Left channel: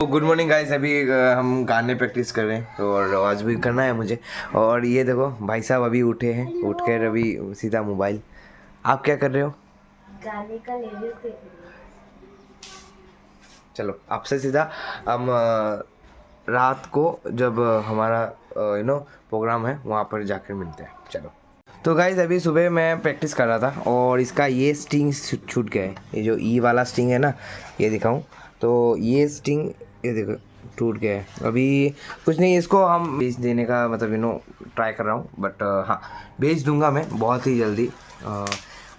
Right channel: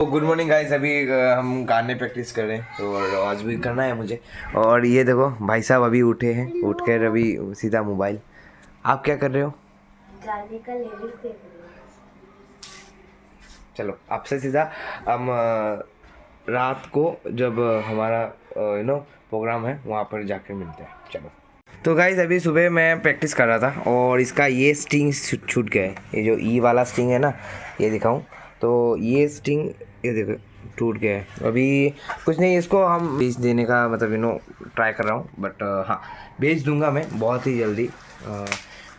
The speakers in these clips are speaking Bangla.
Good morning guys. अभी हम गाने प्रैक्टिस कर रहे हैं और आवाज़ भी करना है मुझे। और ये देखो भाई साहब अभी उठे हैं, उठकर अभी सीधा मोबाइल। आप क्या कर रहे हो? गाने का लिरिक्स देख रही हूँ। चलो आपसे सीधा हम रात को जब हमारा प्रोग्राम है वहाँ पर जाकर मिलते हैं। चलो। तो गाइस अभी सुबह मैं प्रैक्टिस कर रहा था और इसका ये स्ट्रिंग छूट गया है। ये जो ई वाला स्ट्रिंग है ना, ये दिखाऊं तो ये स्ट्रिंग ये देखो टूट गया है। अभी कुछ नहीं, इसको हम बेच देने का मतलब ट्राई कर रहा हूँ। बट हाँ, बेच दूंगा मैं बहुत ही जल्दी।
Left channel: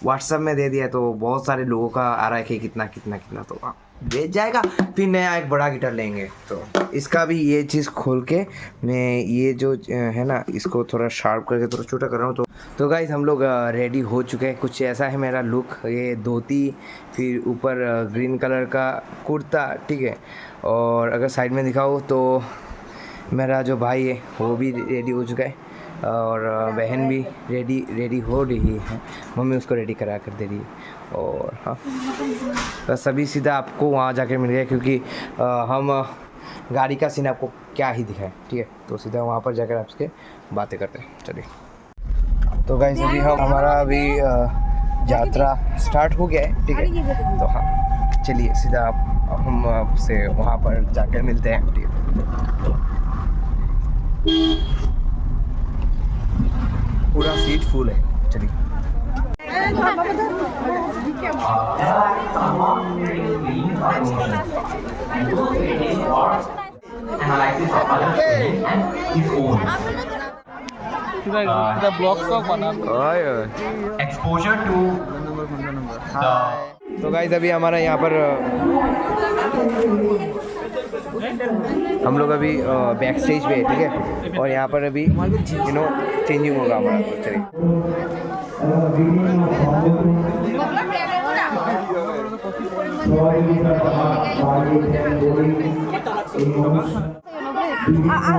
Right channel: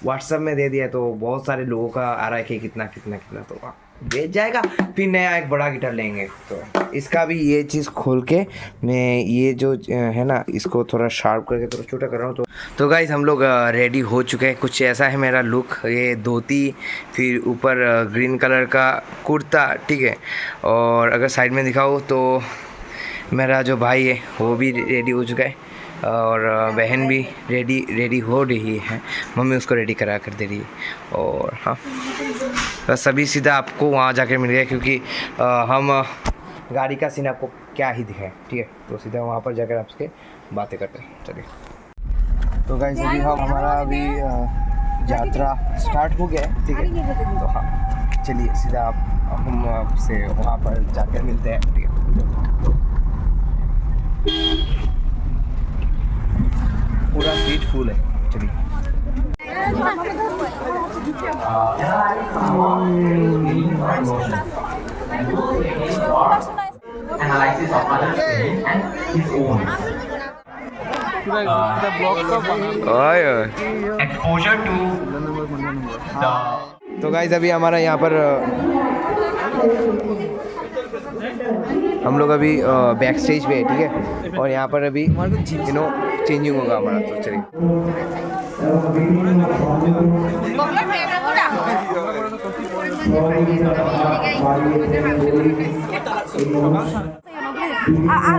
व्हाट्सएप में दे दिया तो बहुत सारे लोगों का आ रहा है कि कितना कितना कितना, तो बेच जाएगा। फिर नया एक बड़ा गिटार लेंगे। तो इसका भी ये चीज़ खोल के मैं ये जो है ना, इसको थोड़ा शार्प करके थोड़ा छोटा कर रहा हूँ। तो गाइस हम लोग रेडी हो चुके हैं। कुछ ऐसा है मेरा लुक, ये धोती, फिर ऊपर ग्रीन कलर का कुर्ता, ठीक है। और अगर साइड में दिखाओ तो मेरा जो भाई है वो भी रेडी हो चुका है और बहन भी रेडी हो रही है। मम्मी उसको रेडी करा कर दे रही है। और हाँ, बस अभी सीधा आपको वहाँ जाकर मिल गया, क्योंकि हम गाड़ी का सीन आपको क्या ही दिखाएं, ठीक है। तो सीधा वहाँ पर जाकर आपसे बातें करते हैं। चलिए। तो गाइस अभी हमारा अभी यात्रा स्टार्ट हो गया है, ठीक है। तो हाँ चलिए सीधा हम आपसे वहाँ पर जाकर मिलते हैं, ठीक है। पूरा सीट फुल है। चलिए। एक्सपोजर टू तो गाइस अभी हमारा यहाँ पर हम लोग अभी बैक स्टेज पे है, ठीक है। और यहाँ पर अभी चेंजिंग होगा हमारा। तो चलिए।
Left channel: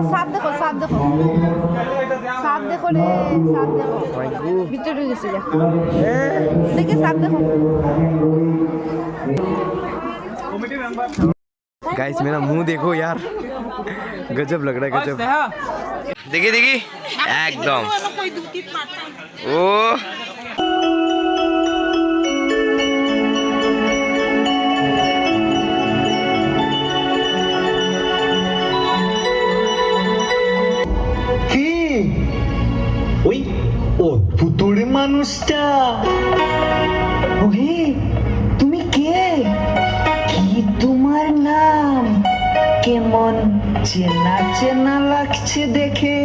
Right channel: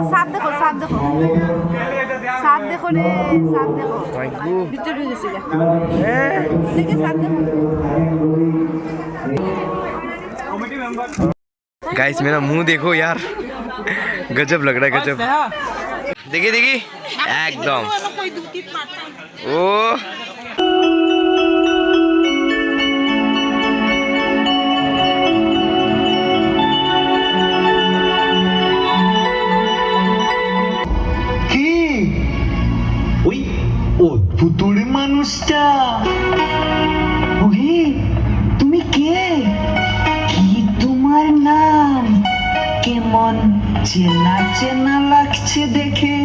साथ देखो साथ देखो साथ देखो रे साथ देखो ভিতরে ঢুকেছে দেখে সাথ দেখো। गाइस मेरा मुंह देखो यार, गजब लग रहा है, गजब। देखिए देखिए एकदम ओ ওই অদ্ভুত মানুষটা, ওহে তুমি কে? কি তোমার নাম? কেমন চেনা চেনা লাগছে দেখে।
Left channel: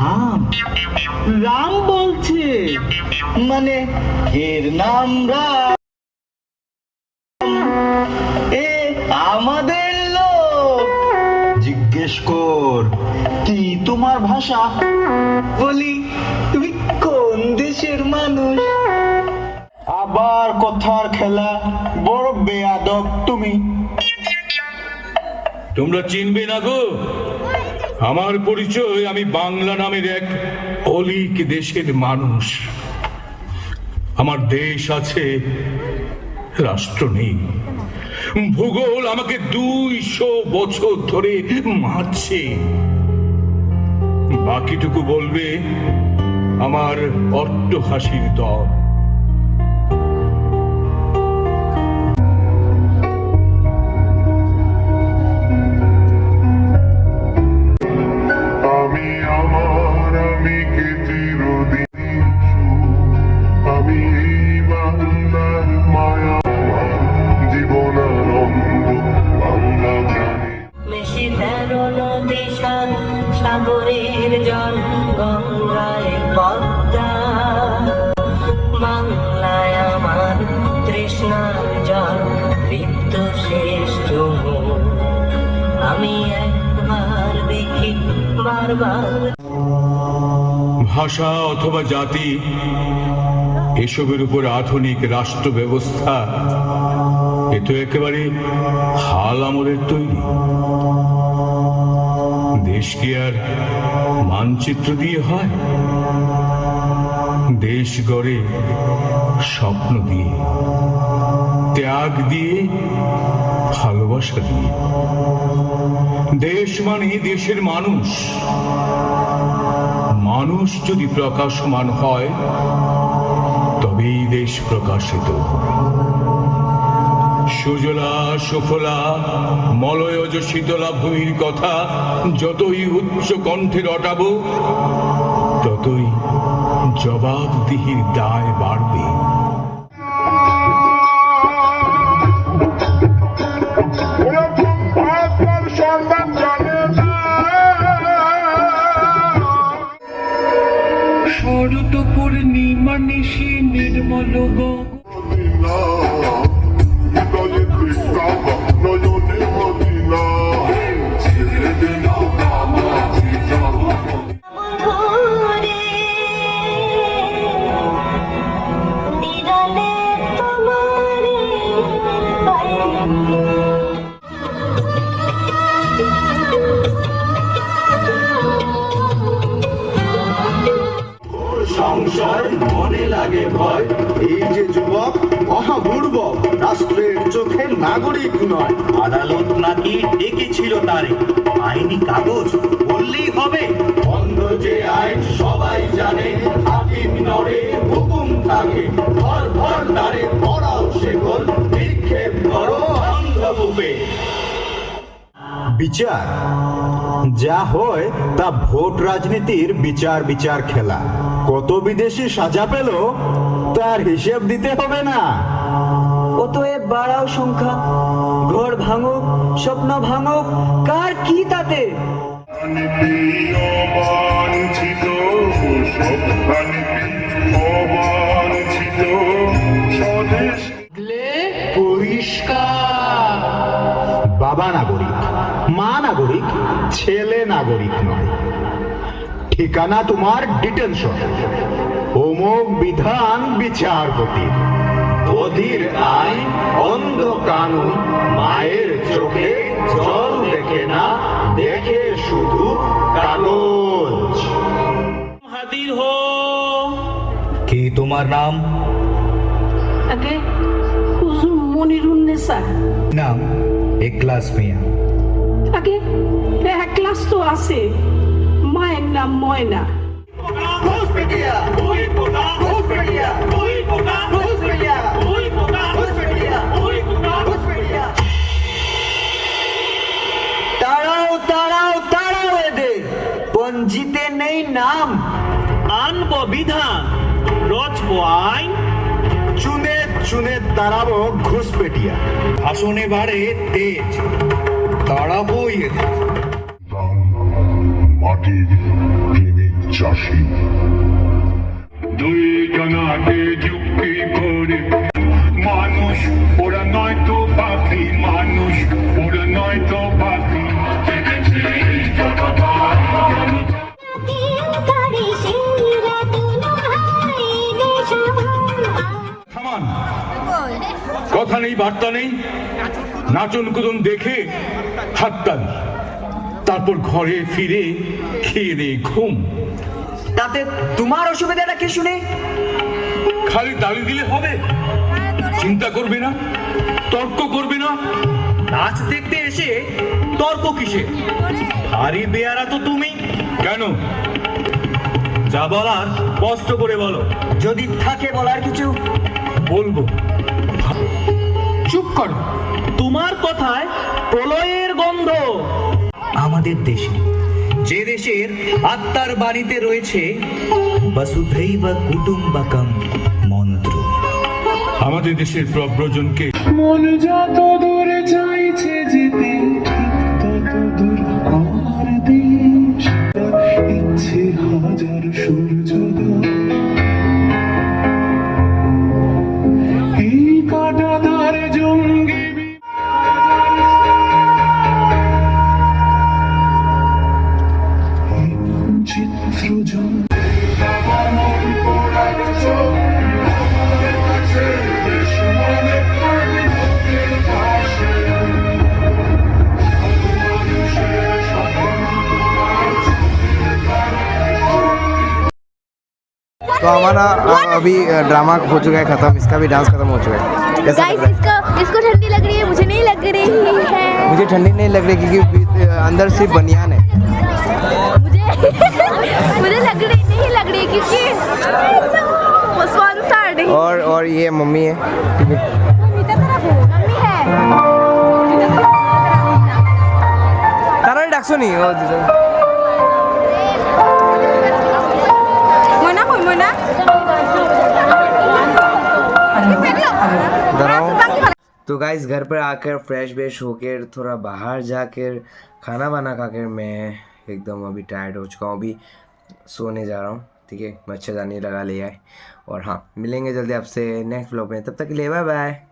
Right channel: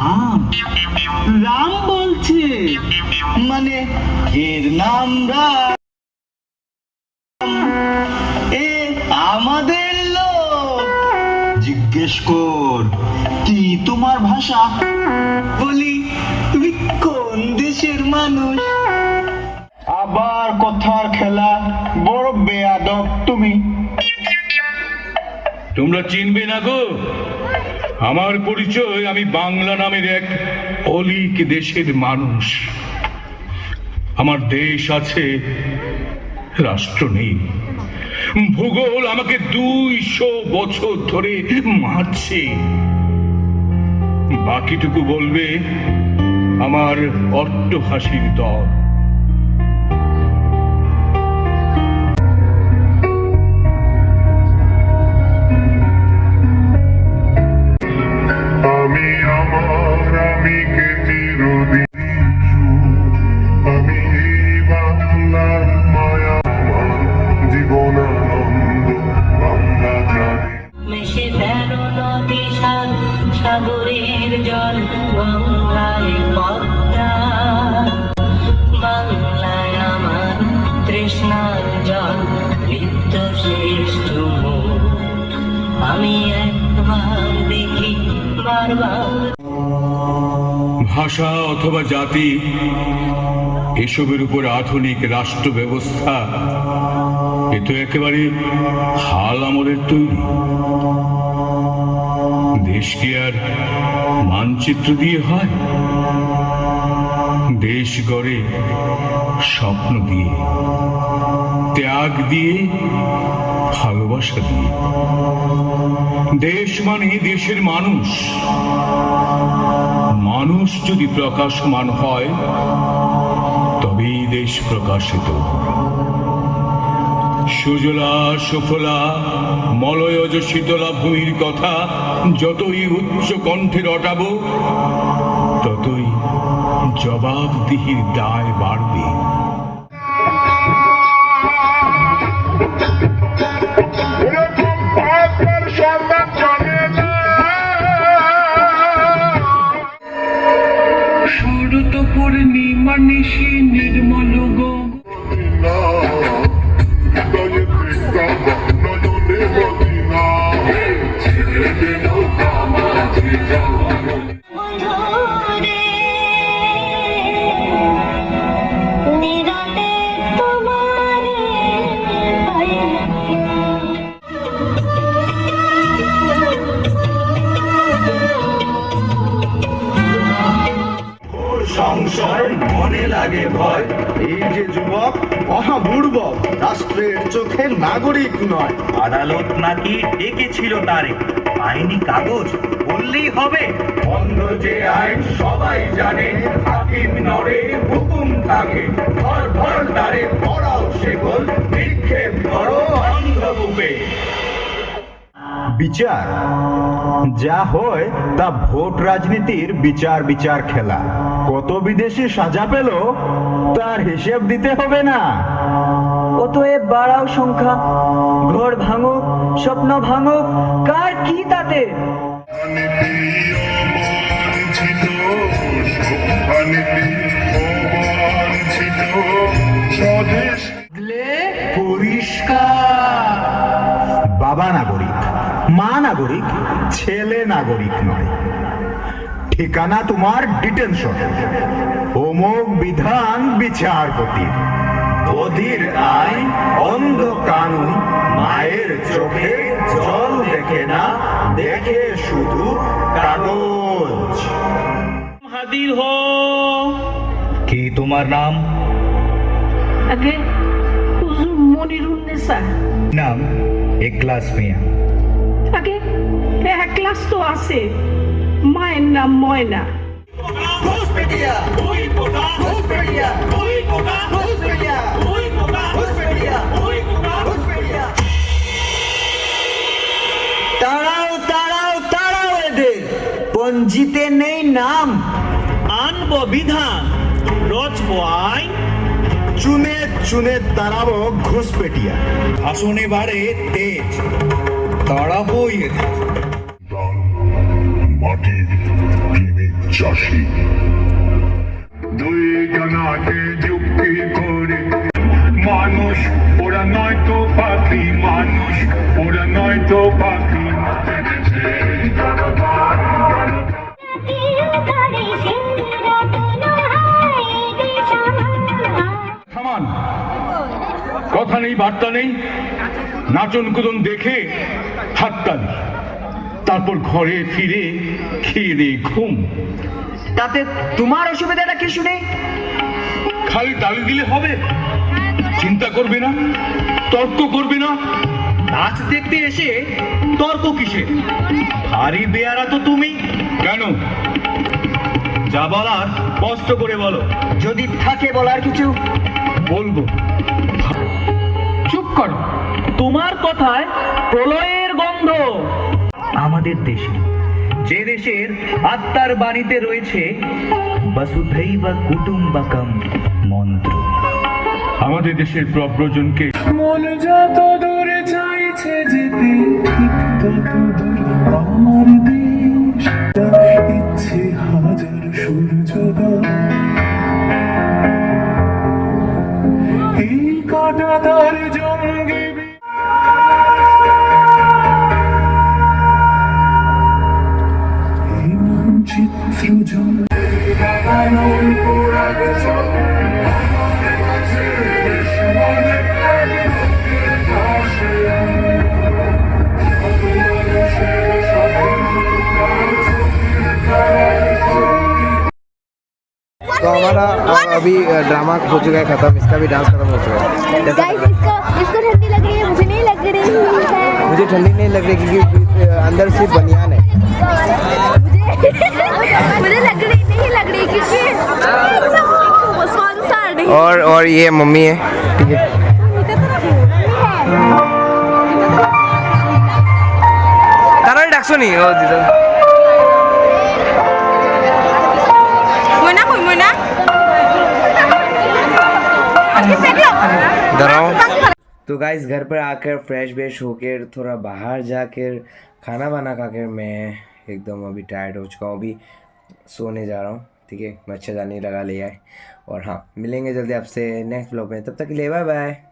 রাম রাম বলছে, মানে এর নাম রাম? এ আমাদের লোক, জিজ্ঞেস কর কি তোমার ভাষা, বলি তুমি কোন দেশের মানুষ। আবার কথার খেলা, বড় বেয়াদব তুমি। তোমরা চিনবে না গো আমার পরিচয়। আমি বাংলা নামের এক অলিক দেশের মানুষ। আমার দেশ আছে, রাষ্ট্র নেই। ভূগোল আমাকে 200 বছর ধরে মারছে। বাকিটুকু বলবে আমার অট্টহাসির দল। সাগরের জল গঙ্গায় পদ্মা, বাংলায় আমার তৃষ্ণার জল ঋত শেষ চুমো। আমি একবার দেখি বারবার। ভাষা অথবা জাতি এসবের উপর আধুনিক রাষ্ট্র ব্যবস্থা এ তো একেবারে হাল আমলের তৈরি। দেশ কি আর মানচিত্র দিয়ে হয়? দেশ গড়ে স্বপ্ন দিয়ে। ত্যাগ দিয়ে, ভালোবাসা দিয়ে। দেশ মানে দেশের মানুষ। মানুষ যদি প্রকাশমান হয় তবেই দেশ প্রকাশিত। সুজলা সুফলা মলয়জ শীতলা ভূমির কথা যতই উচ্চ কণ্ঠে রটাবো ততই জবাবদিহির দায় বাড়বে। শরৎ পূর্ণিমা নিশি নির্মল গম বন্ধুরে নিরলে তোমারে পাইলাম। সংশয় মনে লাগে ভয়, এই যে যুবক মহাবুর্বক, রাষ্ট্রের চোখে নাগরিক নয়। আদালত নাকি ডেকেছিল তারে, আইনি কাগজ বললেই হবে। অন্ধ যে আইন সবাই জানে, হাকিম নড়ে হুকুম থাকে, ভর ভর দ্বারে পড়াও সেগল, বিক্ষেপ করো অন্ধকূপে। বিচার যা হয় তা ভোট রাজনীতির বিচার বিচার খেলা। কত বিদেশি সাজা পেল তার হিসেব দিতে হবে না। অতএব বাড়াও সংখ্যা, ঘর ভাঙুক স্বপ্ন ভাঙুক, কার কি তাতে? বাবা নাগরিক, মা নাগরিক, ছেলে নাগরিক নয়। ঠিকানা তোমার ডিটেনশন, অমোঘ বিধান বিচারপতি, অধীর আইন অন্ধ কানুন, মায়ের চোখে জল দেখে না, দেখে শুধু কাগজ। হাজির হো। কি তোমার নাম? আগে হুজুর মনিরুন্নেসা। নাম একলাস মিয়া। আগে এক ক্লাস তো আছে, মায়ের নাম ময়না। তাড়াও তাড়াও তাড়াও এদের, পঞ্জিতে নেই নাম। আনবো বিধান, রচবো আইন, চুনে চুনে তাড়াবো ঘুষপেটিয়া। আসনে বাড়ে তেজ, তাড়াবোই এদের। মাটির প্রেমিক চাষি দুইজনাকে যুক্তি করে, মানুষ ওরা নয় তো পাখি, মানুষ ওরা নয় তো পাখি। থামান, কথা নেই বার্তা নেই, নাচন কুদন দেখে হাততালি, তারপর ঘরে ফিরে খেয়ে দিয়ে ঘুম। তাতে তোমার অসুবিধাটা কি শুনে? খালি তালি দিলে হবে? চিন্তা করবে না, তর্ক করবে না? নাচ দেখতে এসে তর্ক কিসের? ভারী বেয়ারা তো তুমি। কেন? যা বলার স্পষ্ট করে বলো। যদি থাকে বলার কিছু বলবো। চুপ করো। তোমার কথায় প্রলয়ের গন্ধ। আমাদের দেশে, যে দেশের আত্মার বাণীতে রয়েছে বসুধৈবা কুটুম্বকম মন্ত্র, আমাদের দেশের প্রব্রজনকে মন যত দূরে চাইছে যেতে, ঠিক তত দূর আমার দেশ। ইচ্ছে হাজার সূর্যোদয়, এই কাঁটাতার জঙ্গি চিত্র জল हमारा अभी ड्रामा हो चुका है खत्म, इसका भी डांस खत्म हो चुका है। कैसा गाइस लग रहा इसको ठंडी लग रही है, मुझे नहीं लग रही है। है? मुझे ठंडी नहीं लग रही क्योंकि अंदर सिर्फ बनियान है। मुझे नहीं लग रही क्योंकि वो स्पॉन्सर्ड है। और ये मम्मी है, ठीक है। तारा डाकसो नहीं हो दीदा। तो गाइस घर पर आकर फ्रेश वेश होकर थोड़ा बाहर जाकर खाना बना खाकर मैं एकदम अभी टायर्ड हो चुका हूँ, अभी सोने जा रहा हूँ, ठीक है। मच्छरदानी लगा लिया है। और हाँ, मिलेंगे जल्दी आपसे नेक्स्ट व्लॉग में, तब तक के लिए बाय बाय।